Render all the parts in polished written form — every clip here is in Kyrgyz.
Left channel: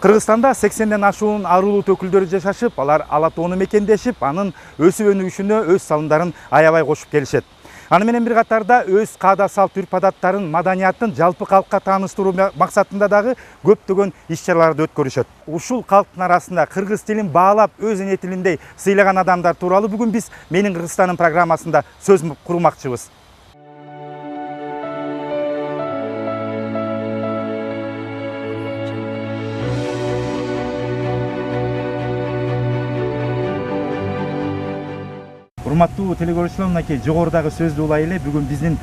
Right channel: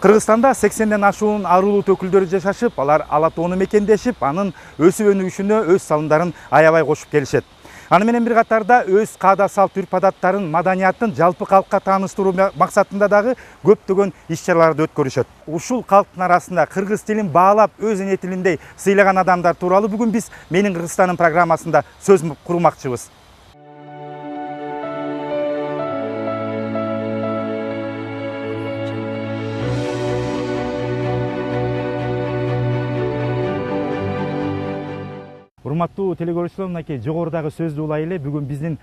Кыргызстанда 80ден ашуун ар улут өкүлдөрү жашашып, алар ала тоону мекендешип, анын өсүп өнүгүшүнө өз салымдарын аябай кошуп келишет. Аны менен бир катарда өз каада салт үрп адаттарын, маданиятын жалпы калкка тааныштыруу максатында дагы көптөгөн иш-чараларды өткөрүшөт. Ушул калктын арасында кыргыз тилин баалап, өз эне тилиндей сыйлаган адамдар тууралуу бүгүн биз Менин Кыргызстаным программасында сөз курмакчыбыз. Урматтуу телекөрүүчүлөр, мынакей жогорудагы сөздү улай эле бүгүн биздин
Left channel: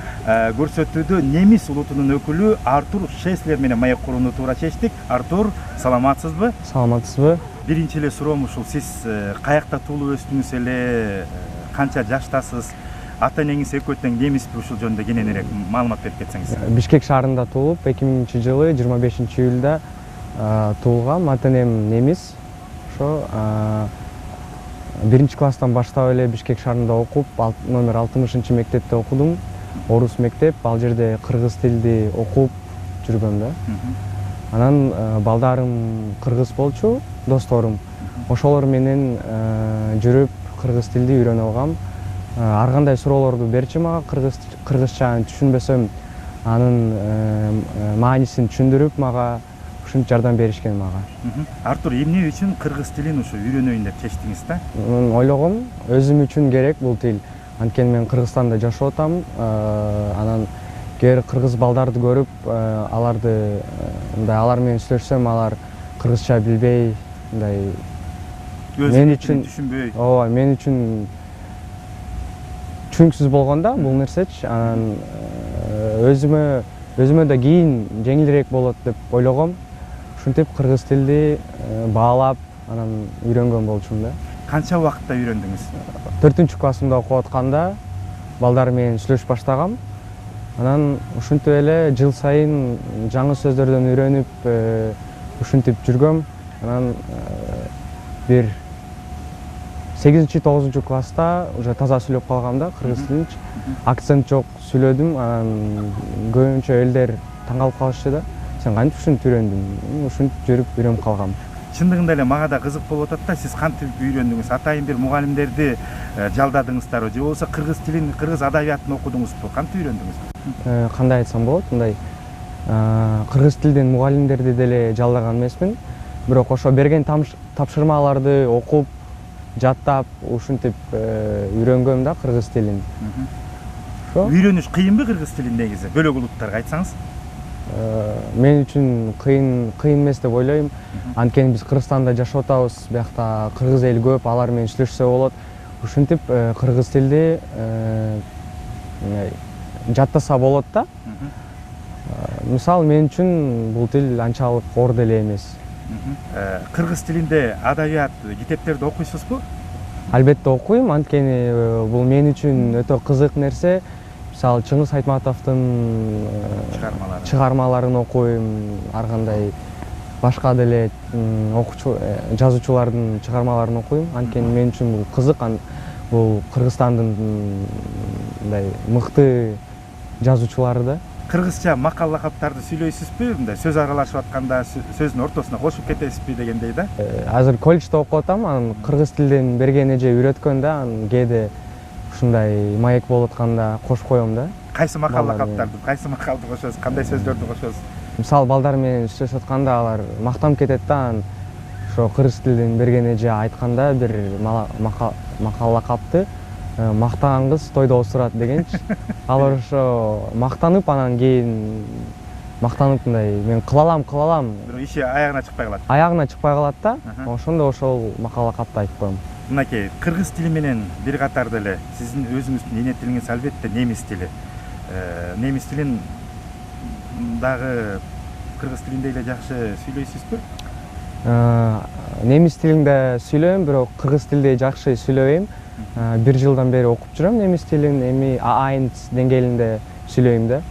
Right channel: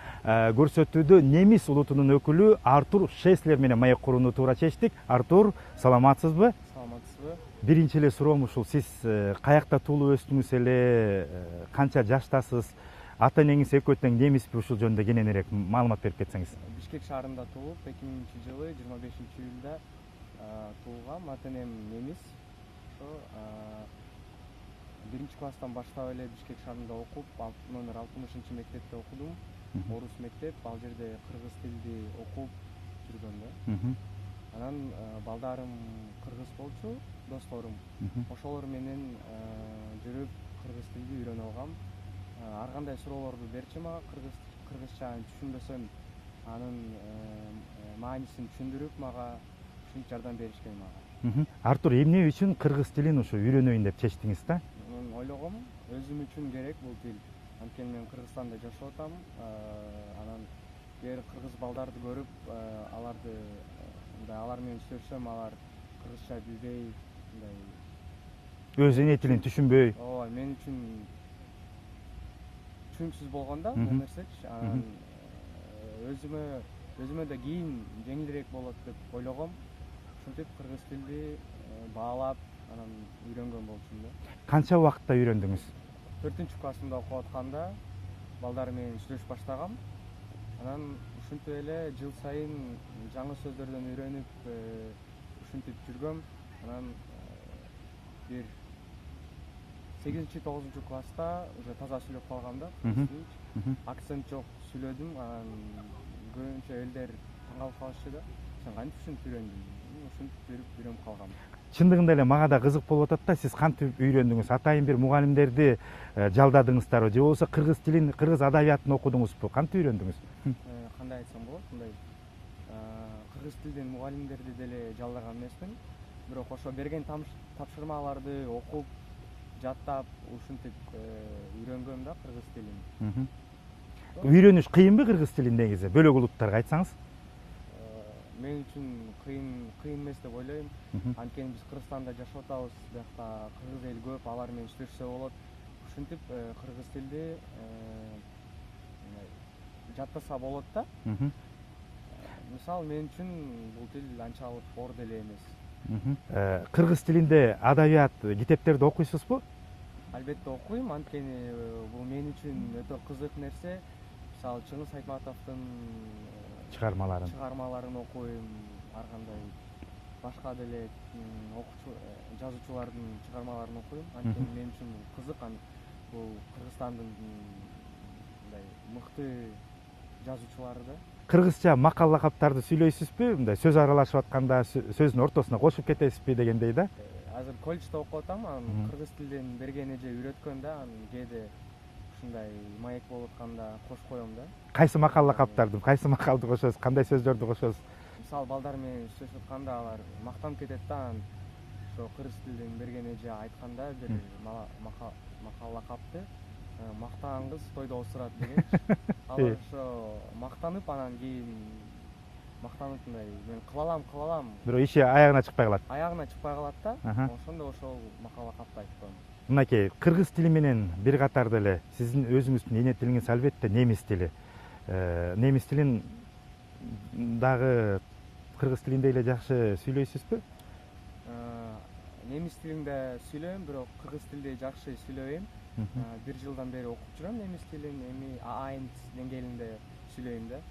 көрсөтүүдө немис улутунун өкүлү Артур Шеслер менен маек курууну туура чечтик. Артур, саламатсызбы? Саламатсызбы? Биринчи эле суроом ушул, сиз каякта туулуп өстүңүз эле, канча жаштасыз, ата энеңиз экөө тең немисби, ушул жөнүндө кененирээк маалымат берип кетсеңиз. Бишкек шаарында туулуп, 2000-жылы 25-июлда туулгам. Ата энем немис. Ошо биринчи класстан баштап эле Бишкек шаарында окуп, номер 60 мектепте окудум. Орус мектеп, ал жерде кыргыз тилди окуп жүргөм да. Анан балдарым кыргыз болчу, досторум. Ошолор менен жүрүп кыргыз тилди үйрөнүп алгам. Ар кандай суроолорду берчи мага, кыргызчаны түшүнбөсөм, анын маанисин түшүндүрүп мага ушинтип жардам беришкен мага. Артур, эмне үчүн кыргыз тилин ушу үйрөнөйүн деп чечтиңиз да? Ойлогом, өзүм үчүн керек бул тил. Анткени мен Кыргызстанда жашап атам. Анан кээ бир кыргыз балдарды көрүп, аларды алар менен сүйлөшсөм, алар кыргызча билбей, мындай мен үчүн түшүнбөй. Ооба, мен үчүн түшүнүксүз болгондо бул нерсечи. Анан өзүмө да кийин жеңилирээк болот деп ойлогом. Ушинтип кыргыз тилди баалап, анан үйрөнгөн болчумун да. Канча убакытта үйрөндүңүз? 4-классымда окуп атканда балдар менен сүйлөшүп баштагам. Анан ушинтип эле жыл сайын жаңы сөздөрдөн үйрөнүп, ушинтип жүргөм. Анан бир 8-9 класста уже таза сүйлөп калгам да кыргыз тилин. Акцент жок сүйлөдүм. Анан көбүнчө элдер таң калып калышты да. Сен кантип ушинтип үйрөндүң? Ушинтип жүрүп үйрөнүп калгам. Чындыгында эле мага да кызык болуп атат да, сиз кантип үйрөндүңүз? Атайын бир мугалимдерди жалдадыңыздарбы же болбосо кыргыз тилин, кыргыз адабиятын окудуңузбу? Кантип үйрөндүңүз? Кандай айтсам болот? Мындай кыргыз тилден мугалимдерди деле жалдаган эмесмин. Бирок ошо берген тапшырмаларды окуп, жаттап, ушинтип үйрөнгөм да кыргыз тилин. Үйрөнүш кыйынбы кыргыз тилин негизи? Бөлөк улуттарга айтсаңыз? Мен үчүн кыйын эмес деп ойлойм. Анткени биз Кыргызстанда жашап атабыз, биякта кыргыз эл көп, алар менен сүйлөшсө болот. Ушинтип кыргыз тилди жаттаса болот да. Мисалы мен үчүн бул тил анчалык оор деле эмес. Кыргыз тилинде адабият китептерди окуйсузбу? Албетте окуйм, анткени бул мен үчүн өтө кызык нерсе. Мисалы Чыңгыз Айтматовдун чыгармаларын окуйм, ар кандай башка деле жазуучулардын чыгармаларын окуйм. Анткени мен үчүн бул кызык, бул Кыргызстандын мындай мыкты жазуучулары да. Кыргызча макал лакаптарды сүйлөйсүзбү? Мындай сөз аралашып атканда сөздүн ортосуна кошуп кетесизби дегендей да? Азыр колледжде окуп атам, анан кыргыз тилден берген эже үйрөткөн да, анан кээде ушундай маек болуп атканда кошуп коем да. Кайсы макал лакаптарды, кайсы макалды кошосуз, кандай сөздөрдү кошосуз? Мисалы балдар менен сүйлөшүп атканда алар мактанып кетет да, анан ошо кыргыз тилден берген эже айтканда бир макал лакапты мактаган кыз тойдо осурат дегенчи. Алар ошо мактанып, анан кийин мактанып мындай мен кыла алам. Бирок иши аягына чыкпай калат. Аягына чыкпай калат да. Ошондо ошол макал лакапты айтып коем. Мынакей, кыргыз тили менен бир катар деле сиздин өзүңүздүн эне тилиңиз албетте немис тили. Немис тилин дагы кыргыз тилиндей эле жакшы сүйлөйсүзбү? Немис тилинде сүйлөйм, бирок кыргыз тилдей жакшы сүйлөбөйм. 1 жылдан бери окуп жүрөм немис тилин, эми A1 деңгээлинде сүйлөйм да.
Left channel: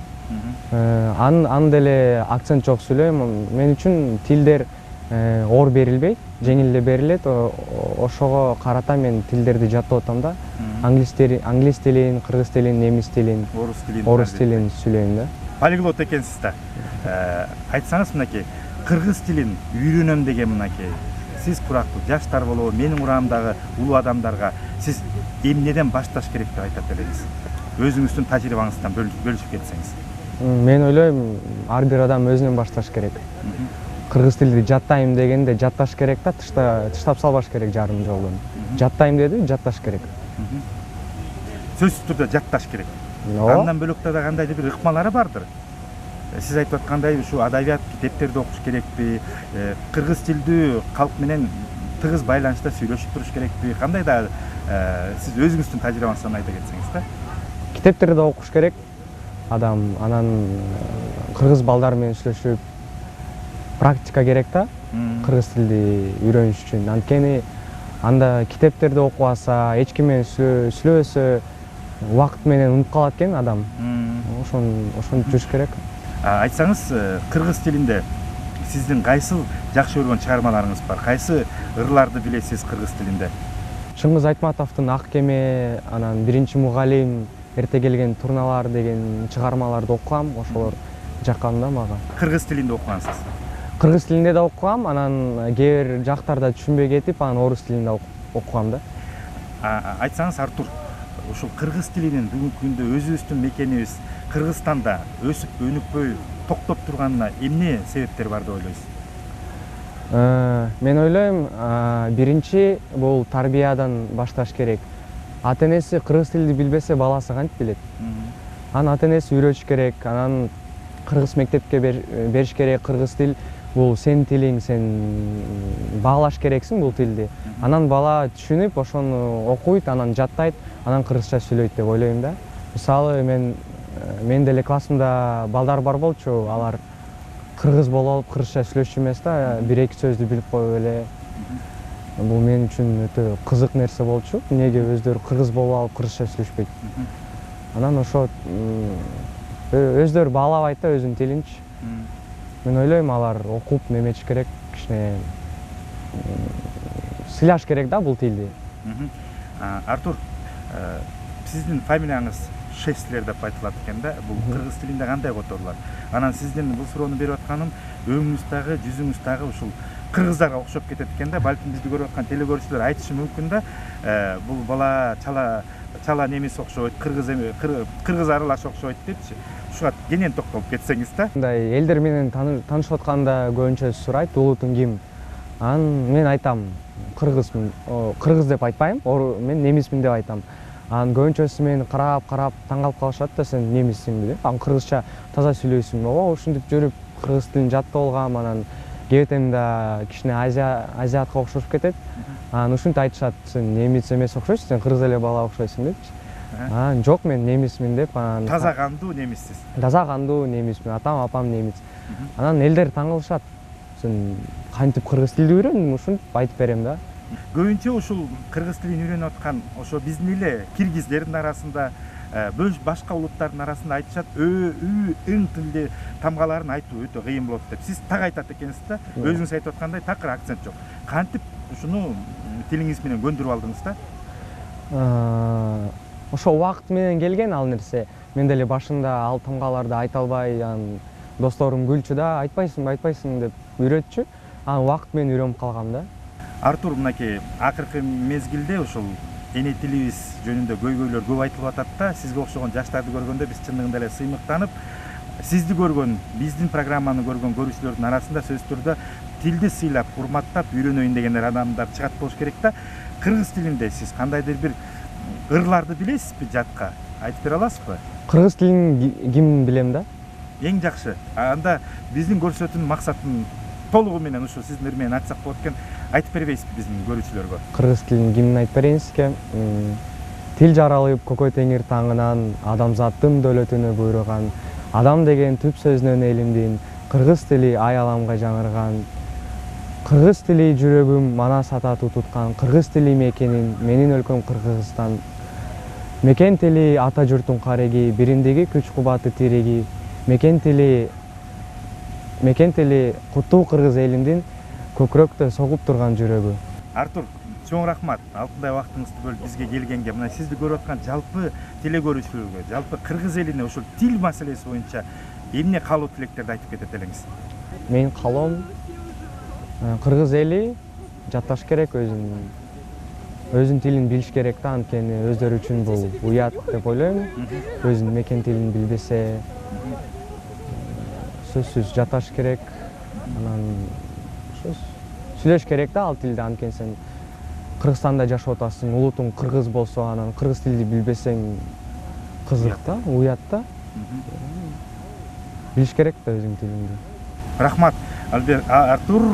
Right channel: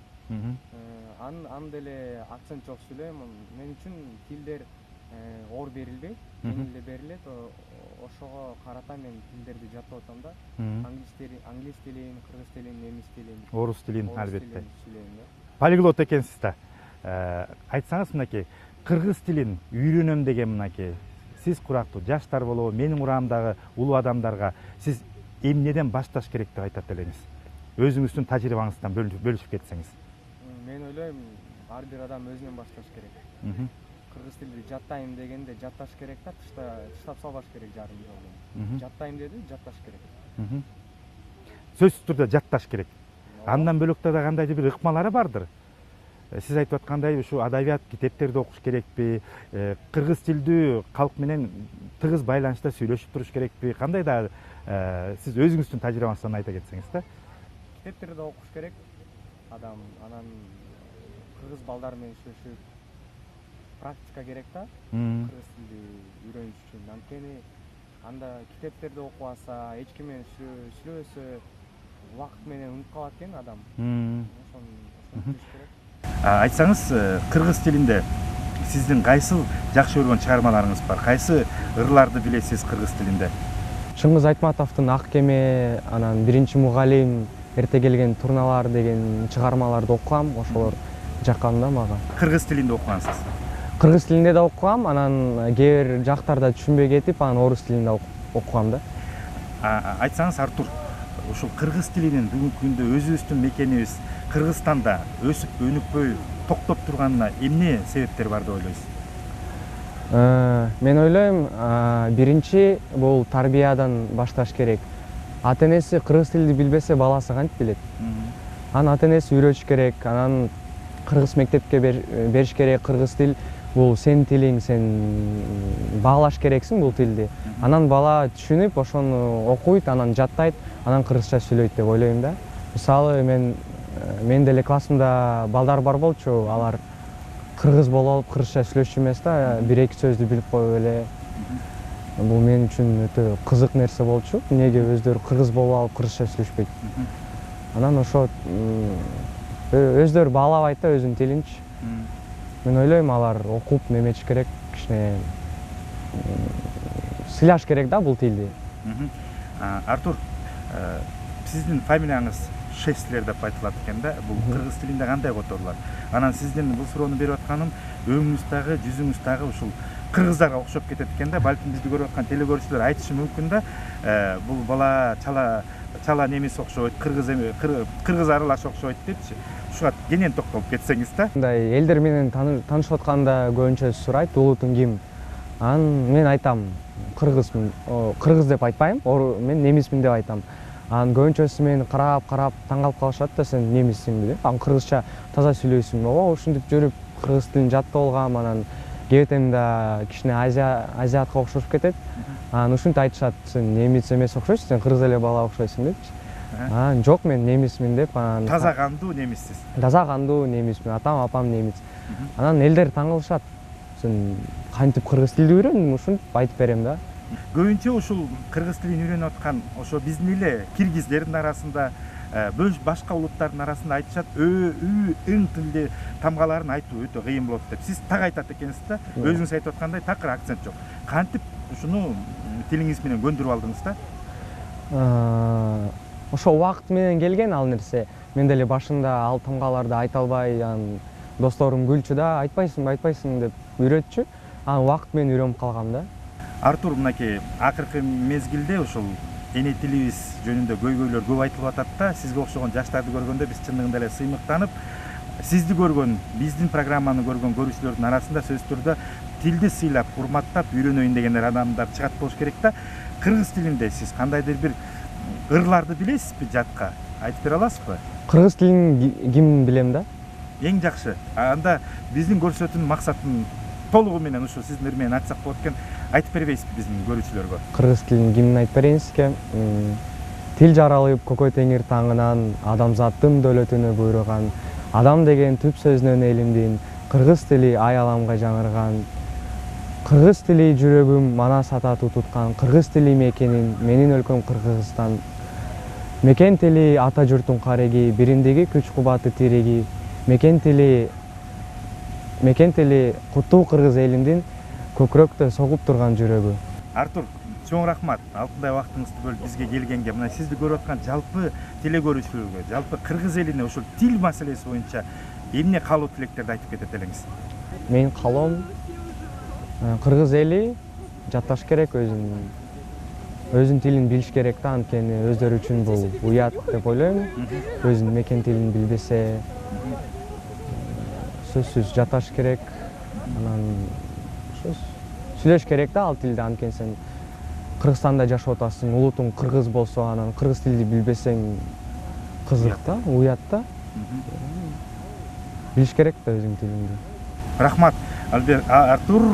Аны деле акцент жок сүйлөйм. Мен үчүн тилдер оор берилбейт, жеңил эле берилет. Ошого карата мен тилдерди жаттап атам да. Англис тилин, кыргыз тилин, немис тилин, орус тилин сүйлөйм да. Полиглот экенсиз да. Айтсаңыз, мынакей, кыргыз тилин үйрөнөм деген мынакей сиз курактуу жаштар болобу менин урамдагы улуу адамдарга сиз эмнеден башташ керек деп айтат элеңиз? Өзүңүздүн тажрыйбаңыздан бөлүшүп кетсеңиз. Мен ойлойм, ар бир адам өзүнөн башташ керек. Кыргыз тилди жаттайм дегенде жатташ керек да, тыштап салбаш керек жарым жолдон. Жаттайм деди, жатташ керек. Сөзсүз түрдө жатташ керек. Андан бөлөк да кандайдыр бир ыкмалары бардыр. Сиз айтып аткандай ушу адабият китептерди окуш керекпи? Кыргыз тилдүү калк менен тыгыз байланышта сүйлөшүп туруш керекпи? Кандай да сиз өзүңүздүн тажрыйбаңыздан айта кетсеңиз да. Китептерди окуш керек. Адам анан кыргыз балдар менен сүйлөшүп практика керек да. Кыргыз тилди үйрөнүш үчүн. Анткени анда китептерди окуп алса, эч ким менен сүйлөбөсө убакыт менен унутуп калат экен адам. Ошону жүрүш керек. Айтсаңыз, кыргыз тилинде сиздин кайсы жакшы көргөн чыгармаларыңыз бар? Кайсы ырларды билесиз кыргыз тилинде? Чыңгыз Айтматовдун Ак кеме, анан Биринчи мугалим, Эрте келген турналар деген чыгармаларды окугам, ошолор жаккан да мага. Кыргыз тилинде окугансыз? Кыргыз тилинде да окугам, анан кээ бир жактарда түшүнбөй кетип, анан орус тилинде окугам да. Айтсаңыз, Артур, ушул кыргыз тилинин бүгүнкү күндө өзүбүздүн мекенибиз Кыргызстанда өсүп өнүкпөй токтоп турганына эмне себептер бар деп ойлойсуз? Мен ойлойм, биринчи бул тарбиядан башташ керек. Ата-энеси кыргыз тилди билбесе, баласы кантип билет? Анан ата-энеси үйрөтүш керек, анан кыргыз мектепке бериш керек. Кыргыз тил бул сенин тилиң, сен баалаш керексиң бул тилди. Анан бала түшүнүп, ошону окуйт, анан жаттайт, анан кыргызча сүйлөйт деп ойлойм да. Мисалы, мен деле классымда балдар бар болчу, алар кыргыз болуп алып кыргызча сүйлөшчү эмес да, бир-эки сөздү билип коюп эле. Бул мен үчүн өтө кызык нерсе болчу. Эмнеге өздөрү кыргыз болуп алып кыргызча сүйлөшпөйт? Анан ошо өздөрү баалабайт да өзүнүн тилинчи. Мен ойлойм, алар окуп неметиш керек, кичине сыйлаш керек да бул тилди. Артур, сиздин фамилияңыз Шестлер деп айтылат экен да, бул кыргыз тилинде кандай которулат? Анан сиздин бул суроону берип атканым, өңүңүз дагы, жүзүңүз дагы ушул кыргыздарга окшоп кетет экен да. Балким бизди көрүп аткан телекөрүүчүлөр айтышы мүмкүн да, бул бала чала немис окшойт, кыргыз аралаш окшойт депчи. Ушуга кенен токтолуп кетсеңиз да. Мындай элдер менен таанышып атканда көбүнчө сурайт, улутуң ким? Анан мен айтам, кыргызмын. Кыргыз деп айтпайм, мен немисмин деп айтам. Анан көбүнчөсү мени карап таң калып калышат да, сен немиссиңби деп. Анан кыргызча таза сүйлөйсүңбү? Ушинтип жүрүп кыргыз тилин жаттап алгам, анан кебетемда кичине азиатка окшошуп кетет. Анан ушинтип айтышат, сен немис эмес окшойсуң, сен кыргыз эле бала окшойсуң депчи. Анан жок, мен немисмин деп. Анан таза кандуу немиссиз. Таза кандуу немисмин, атам апам немис. Анан элдер таң калышат. Сен кантип кыргыз тилди үйрөндүң? Ушинтип айтып берем да. Көбүнчө ушул кыргыз тилин үйрөнүп аткан ошо биздин эле киргиздердин арасында, башка улуттардын арасында айтышат, ың тилди тамгаларын айтуу өтө кыйын болот деп. Сиз так айтат экенсиз да, өзүңүз айтып аткандай такыр акцент жок. Кантип ушуну тилиңиз менен көндүрүп алдыңыз да? Ошо убакыт менен келген ал нерсе. Мен деле башында ал тамгаларды айта албай, анан досторум күлчү да, айтпайсың деп үйрөтчү. Анан убакыт менен үйрөнүп калгам да. Артур, мынакей акыркы мезгилде ушул эне тилибиз жөнүндө көйгөйлөр көп айтылып атат да. Сизге окшогон жаштарды көргөндө биз чындыгында эле сыймыктанып, сизди көргөн, биздин программаны көргөн көрүүчүлөрдүн арасында сөзсүз түрдө тилди сыйлап, урматтап үйрөнөйүн дегендер адамдар чыгат болуш керек да. Кыргыз тилинде сиз кандайдыр бир ырларды билесизби жатка? Айтып бере аласызбы? Кыргыз тилин ким билем да? Эң жакшы. Анда биздин көрсөтүүнүн максатын толугу менен ушу сиздин ыр менен айтсак болот экен. Айтып бербейсизби биздин көрүүчүлөргө? Кыргыз тилин кимин айтып берейин сизге? Тил жаралып көкөй теңир таңынан, адамзаттын дөөлөтүнө буйруган, адам деген түп сөзүнөн элимдин, кыргыз тили аяламга жаңырган. Кыргыз тили жүрөгүм манас ата туткан, кыргыз тили мекенин, менин өлкөм Кыргызстан. Мекен тили ата журттун кареги, бириндиги күч кубаты тиреги. Мекен тили куттуу кыргыз элимдин, көкүрөктө согуп турган жүрөгү. Артур, чоң рахмат. Алтындай убактыңызды бөлүп бизге келгенге, мына сизди көрүп аткан жалпы телекөрүүчүлөргө, жалпы кыргыз элине ушул тил маселеси боюнча эмне каалоо тилектерди айтып кетет элеңиз? Менин каалоом кыргыз эли жатташ керек, өзүнүн тилин билиш керек да, анткени өздөрү үчүн бул уят деп ойлойм. Өзүнүн мекен тилин билбесе сөзсүз жатташ керек, анан сүйлөш керек да ал тилде, анткени сен Кыргызстанда жашап атасың, улутуң кыргыз болсо, анан кыргыз тилди билбесең кызык да, уят да. Билиш керек да өзүңдүн тилиңди. Рахмат, Артур.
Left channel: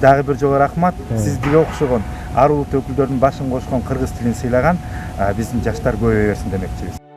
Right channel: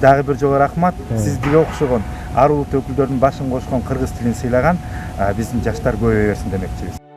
Дагы бир жолу рахмат. Сизге окшогон ар улут өкүлдөрүнүн башын кошкон кыргыз тилин сыйлаган биздин жаштар көбөйө берсин демекчибиз.